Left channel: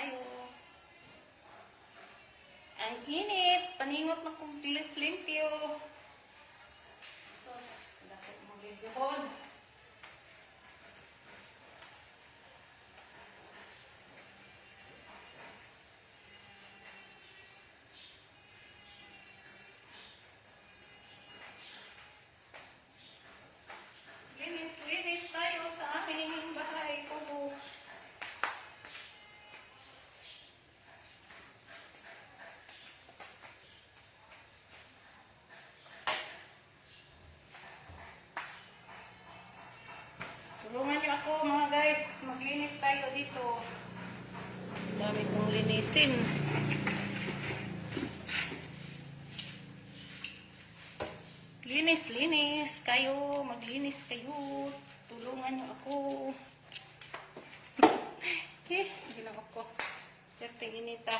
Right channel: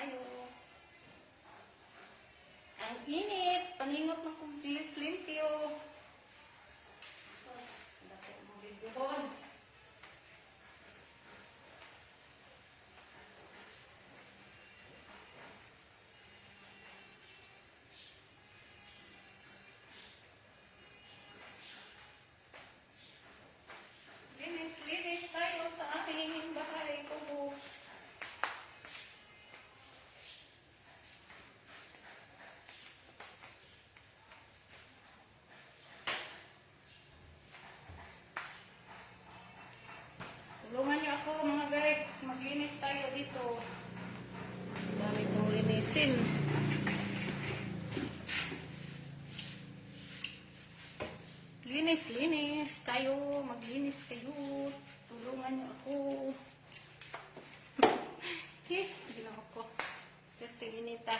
tayo. Ang init. Paningot na kong limpyo. Sus, dapat mong limpyohon. Linis tayo sa aming bahay kubo. Tulungan niyo ako mga guys, maglinis tayo dito. Dami itong linisin. Linis kayo, maglinis kayo. Tulungan niyo ako. Hindi lang ako. Swerte inita.